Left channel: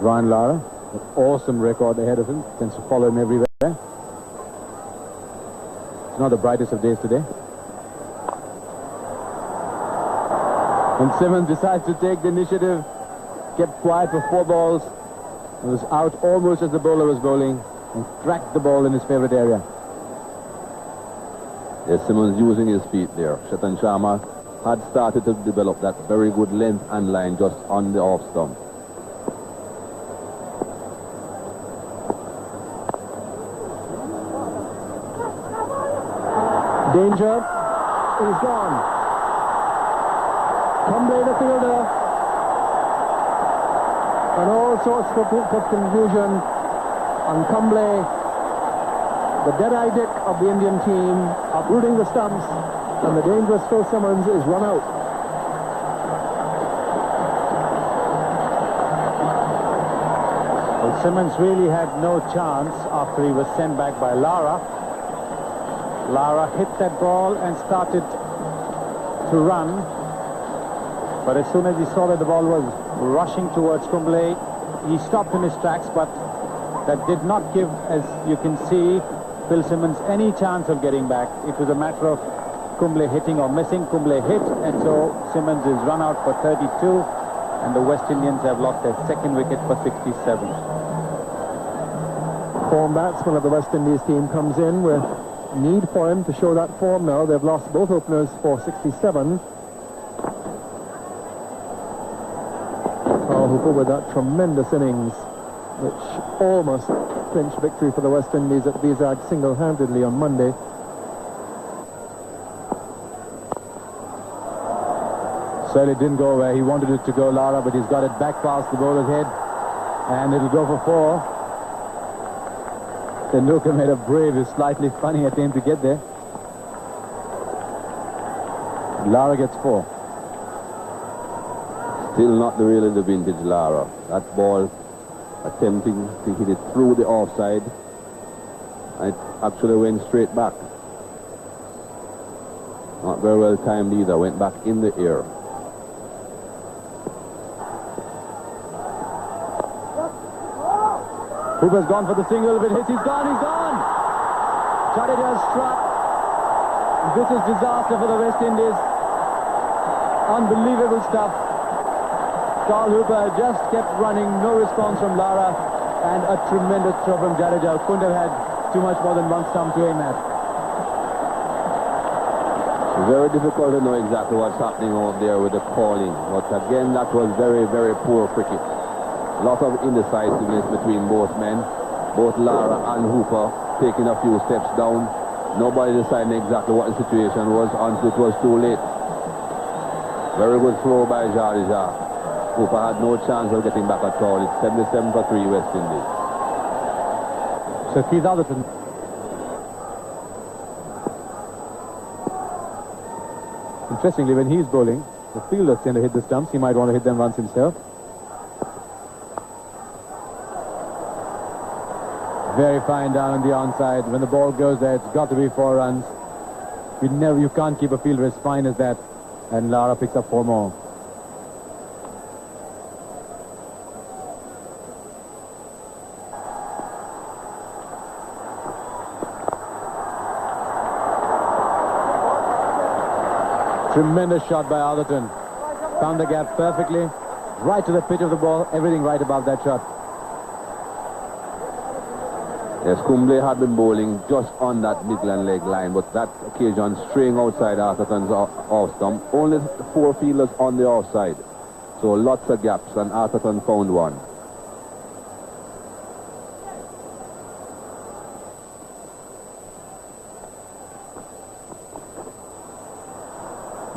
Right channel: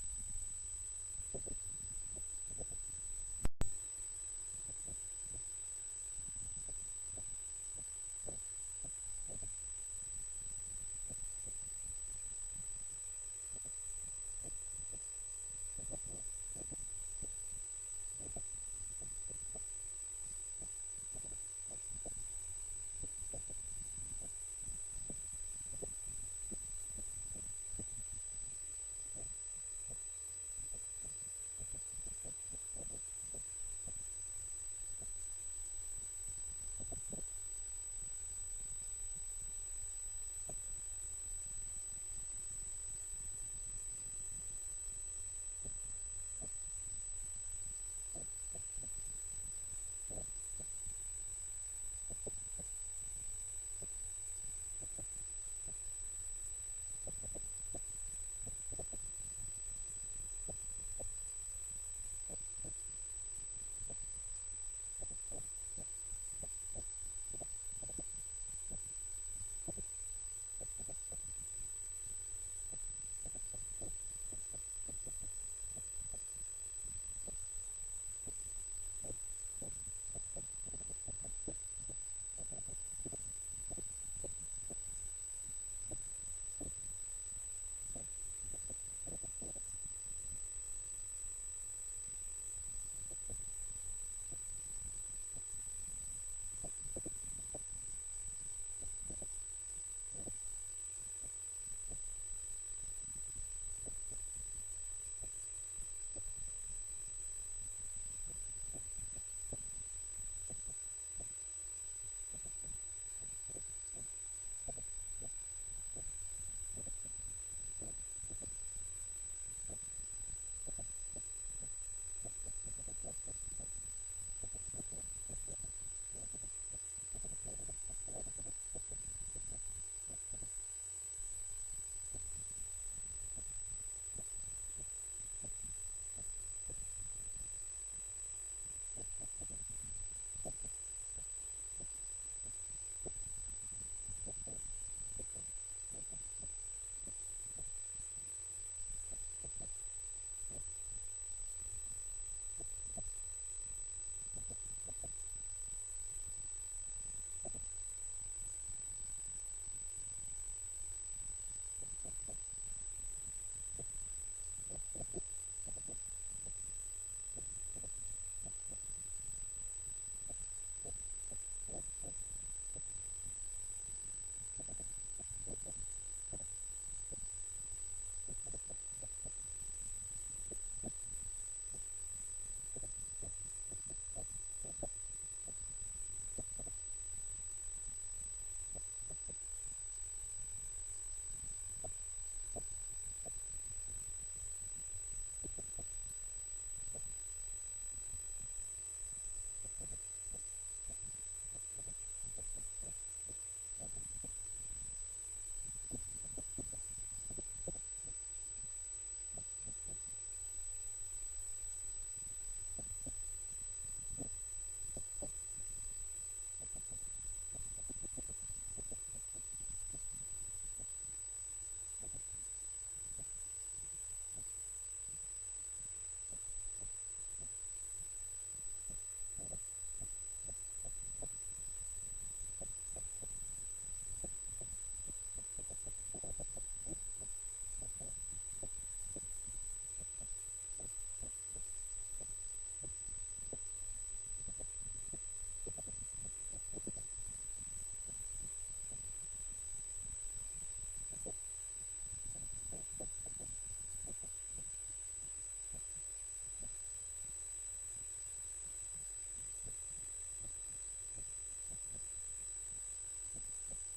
Brian Lara, an awesome record ahead of him, tends to follow him everywhere. It's not the brightest of days today. And Simmons decides to take the initiative, kept quiet for 4 balls. He was out almost as the bowler was bowling and cracked the ball in his favorite area. Yes, Simmons using his feet there. Chetan Sharma had started to develop that very good length and line just on the off stump. Danger is gone. Kumble the fielder. And all sorts of confusion on Kumble. The dead-eye Dick of the Indian team uprooting the stumps, and the dangerous Phil Simmons is run out. Well, Simmons really had no chance after he was sent back by Lara. Lara hit that ball and started to run. But as soon as he saw that the ball was rushing towards Kumble, he stopped in his tracks, but that did not give, as you can see, Phil Simmons any chance of getting back. It was a matter of Kumble hitting or missing. Kumble hit, and so Simmons is run out for 32, and the West Indians have lost their second wicket for 67. Form batsman of the West Indies team comes in with need for him to show that form now. They've lost both openers for 67. Carl Hooper with that tremendous innings, which almost clinched victory for the West Indies at Vizag single-handedly on Monday. Certainly didn't go where he wanted it to go, Lara, but he's got it back past the bowler's head, and it'll go for 4. Tendulkar made a brave, slightly funny attempt to get there. Lara gets 4. Still not really the vintage Lara. That ball attempting to hit it through the offside. It actually went straight back. Not very well timed either. Went back in the air. Hooper's gone for the single, but he's gone, he's gone! Jadeja's struck. This is disaster for the West Indies. Unbelievable stuff. Carl Hooper just kept running, no response from Lara, and a tremendous throw from Jadeja. Couldn't have had too much more than one stump to aim at. Very difficult to know exactly what's happening out there with the calling. But again, that was very, very poor cricket. A lot of indecisiveness between both men. Both Lara and Hooper taking a few steps down. Nobody deciding exactly what the situation was until it was too late. Very good throw by Jadeja. Hooper had no chance of getting back at all. It's 77 for 3 West Indies. So Keith Atherton. Interestingly, when he's bowling, the fielders tend to hit the stumps. He might want to hit them once himself. Very fine down on the onside. When the ball goes there, it's got to be 4 runs. You can't keep a fielder as fine as that. And Lara picks up 4 more. Tremendous shot by Atherton. Found the gap perfectly. Right to the pitch of the ball. Everything right above that shot. Yes, Kumble had been bowling just on that Midland leg line, but that occasion straying outside Atherton's off stump. Only 4 fielders on the offside. So lots of gaps, and Atherton found one.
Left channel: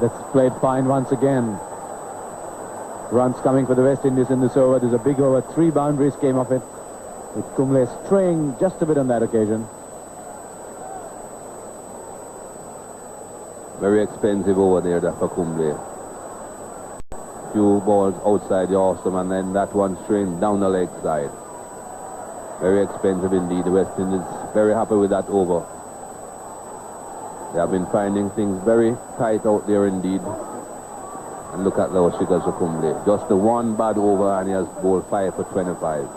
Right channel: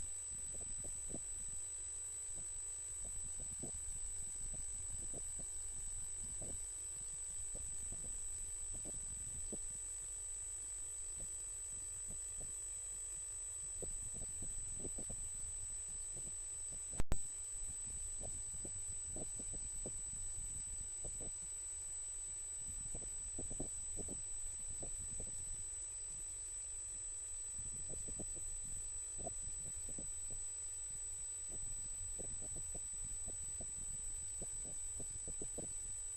That's played fine once again. Runs coming for the West Indies in this over. There's a big over. 3 boundaries came off it, with Kumble straying just a bit on that occasion. Very expensive over there for Kumble. Few balls outside the off stump, and then that one straying down the leg side. Very expensive indeed. The West Indies very happy with that over. They have been finding things very tight out there indeed. And look at those figures for Kumble. Just the one bad over and he has bowled 5 for 25.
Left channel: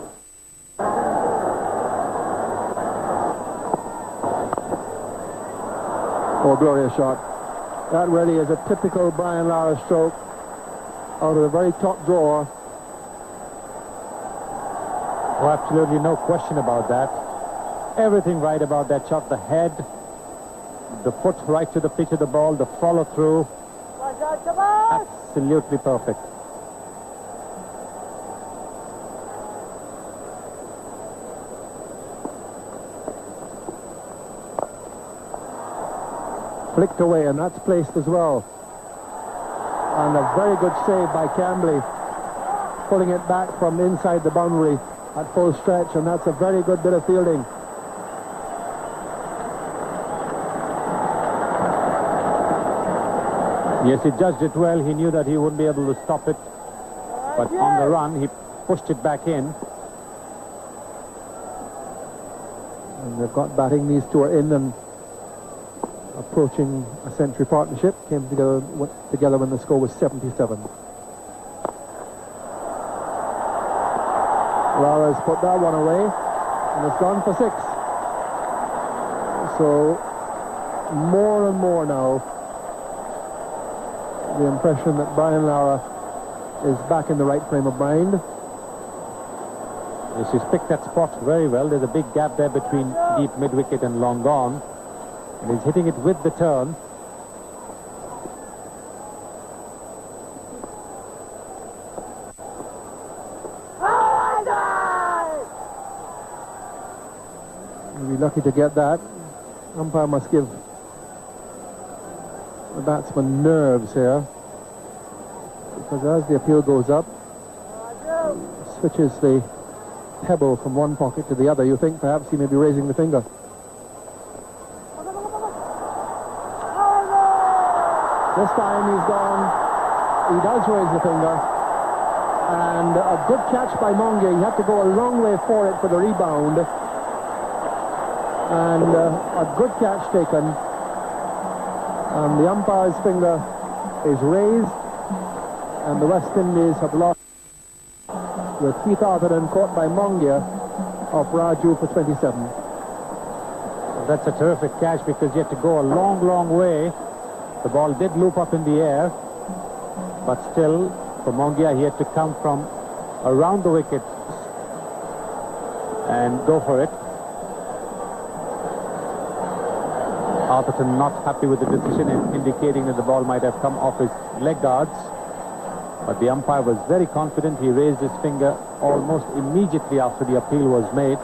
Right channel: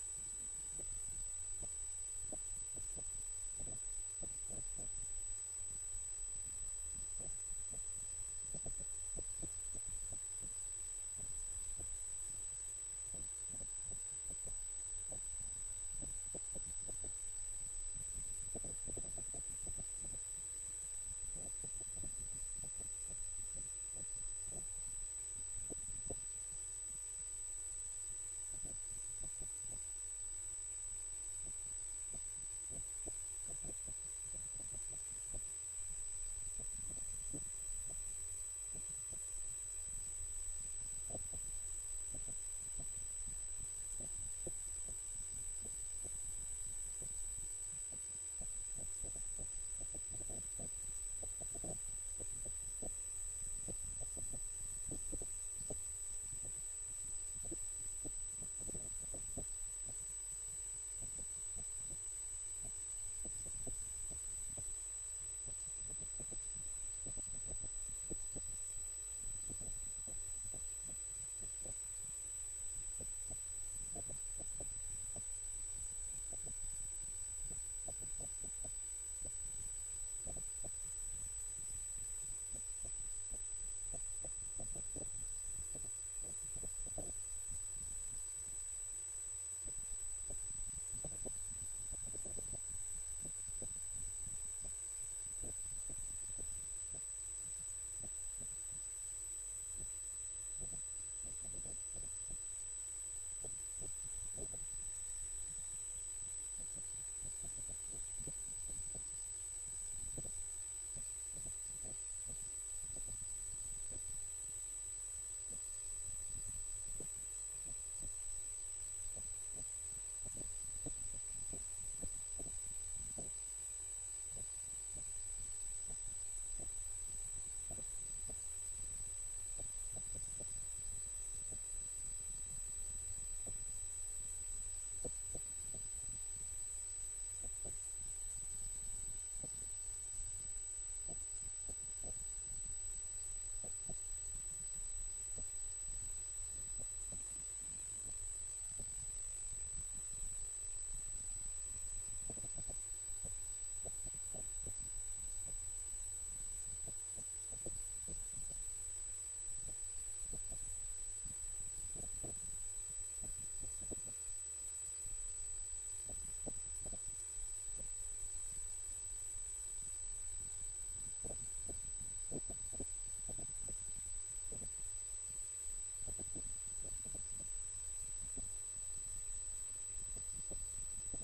Oh, glorious shot. That really is a typical Brian Lara stroke out of the very top drawer. Oh, absolutely no question about that. Everything right about that shot. The head, the foot right to the pitch of the ball, the follow through. Absolutely perfect. Flicked away, and that's placed as well. And a very good save by Cambley, pulling it back from inside the boundary at full stretch, and that's a very good bit of fielding. Yes, he judged it well. He knew that he wouldn't be able to stop it. But on the run, he pushed it back in. And they've got batting. These two are in and approaching a century partnership. Came together when the score was 77. Lara's put that one away, and it's gone for 6. So, more and more now, the impression that Brian Lara is back in the right frame of mind. Yes, he's picked that spot very well. There's a big gap there between deep mid-wicket and long gone. And he's hitting it with the turn. He'll be lucky to get that. Umpire must give the batsman nerves here, because as the appeal goes up, switches the pebble from one pocket to the other, you think perhaps he may be raising the finger. This time he's gone. He does raise the finger, and a good catch by Monge. He had to go a long way for it for the rebound, and a good catch taken. And the umpire's finger is raised, and the West Indies have lost with Keith Atherton caught by Mongia of Raju for 27. That's a terrific catch, because you had to go a long, long way. The ball did loop up in the air, but still, for Mongia, he had to come from around the wicket and go for it. Atherton not happy with the decision, indicating that the ball might have come off his leg guards. But the umpire was very confident. He raised his finger almost immediately after the appeal was made.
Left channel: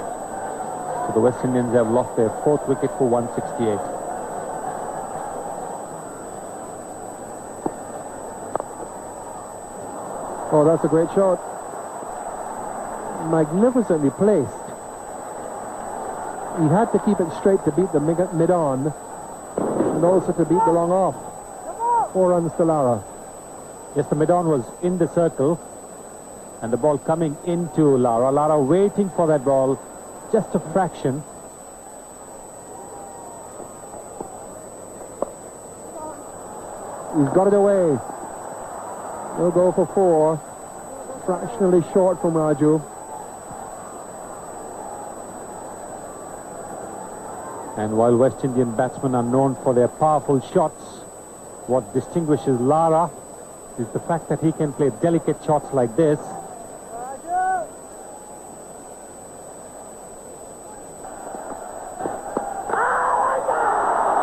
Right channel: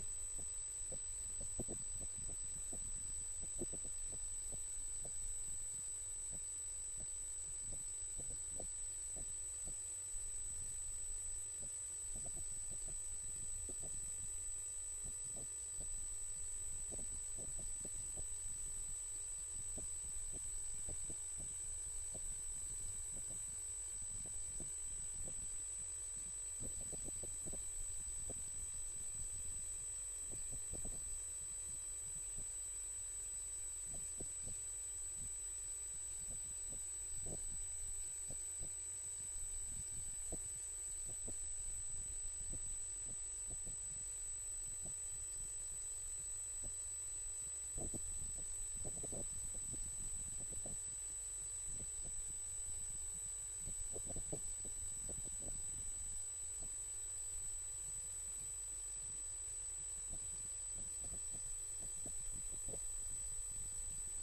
So the West Indians have lost their 4th wicket for 168. Oh, that's a great shot. Magnificently placed. He had to keep it straight to beat the mid-on, and also to beat the long off. 4 runs to Lara. Yes, the mid-on was in the circle, and the ball coming into Lara. Lara waiting for that ball, just a fraction. He's got it away. He'll go for 4. Fractionally short from Raju. And while West Indian batsmen are known for their powerful shots, what distinguishes Lara is the fact that he can play delicate shots like this.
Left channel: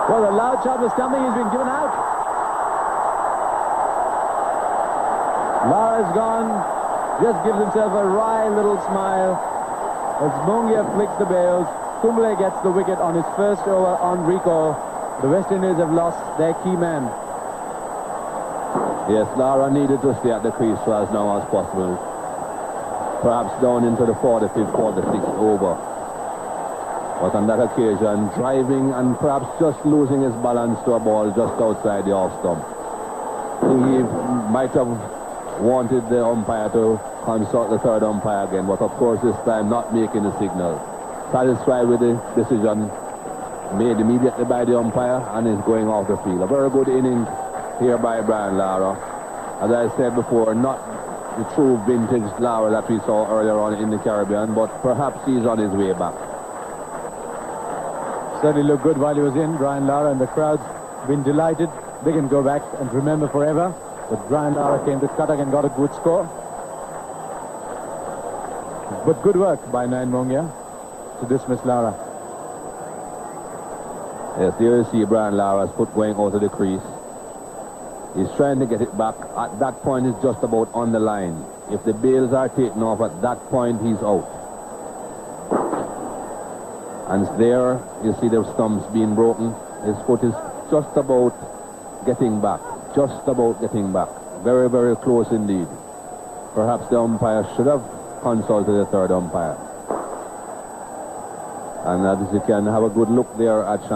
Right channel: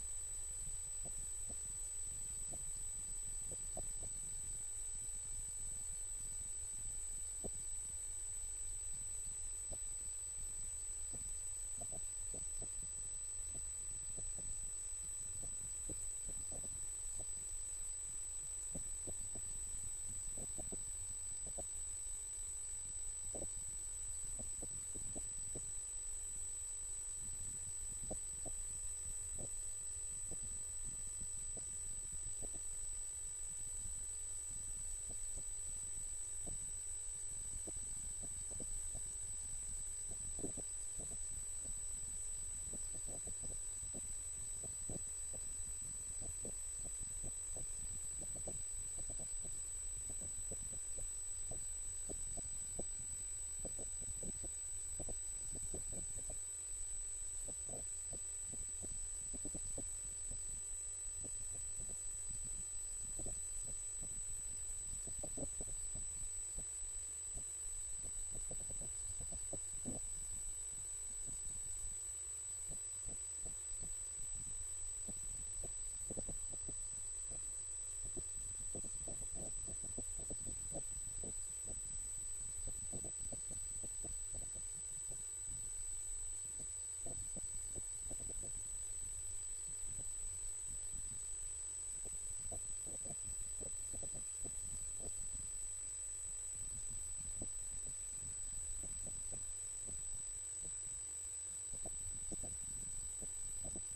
Well, the loud shot was coming. He's been given out. Lara's gone. Just gives himself a wry little smile as Mongia flicks the bails. Kumble gets the wicket on his first over on recall. The West Indies have lost their key man. Yes, Lara needed to stay at the crease for as long as possible. Perhaps down into the 45th, 46th over. But on that occasion, driving and perhaps just losing his balance to a ball just outside the off stump. He might have wanted the umpire to consult the 3rd umpire again, but of course this time not making the signal. Satisfied with the decision made immediately by the umpire, and is going off the field. A very good inning here by Brian Lara. As I said before, not the true vintage Lara that we saw earlier on in the Caribbean, but perhaps he's on his way back. Certainly looked good while he was in, Brian Lara, and the crowd's been delighted. They can go back and remember forever that Brian Lara came to Cuttack and got a good score. But good work by Nayan Mongia to dismiss Lara. Yes, here you see Brian Lara's foot going out of the crease. He's trying to get it back. At that point, it's just about on the line. If the bails are taken off at that point, he's out. And there, you see the stumps being broken. His foot is just about getting back. Just about getting back. Very, very close indeed. Perhaps the umpire should have consulted the third umpire. And as you can have a good look there at Shan.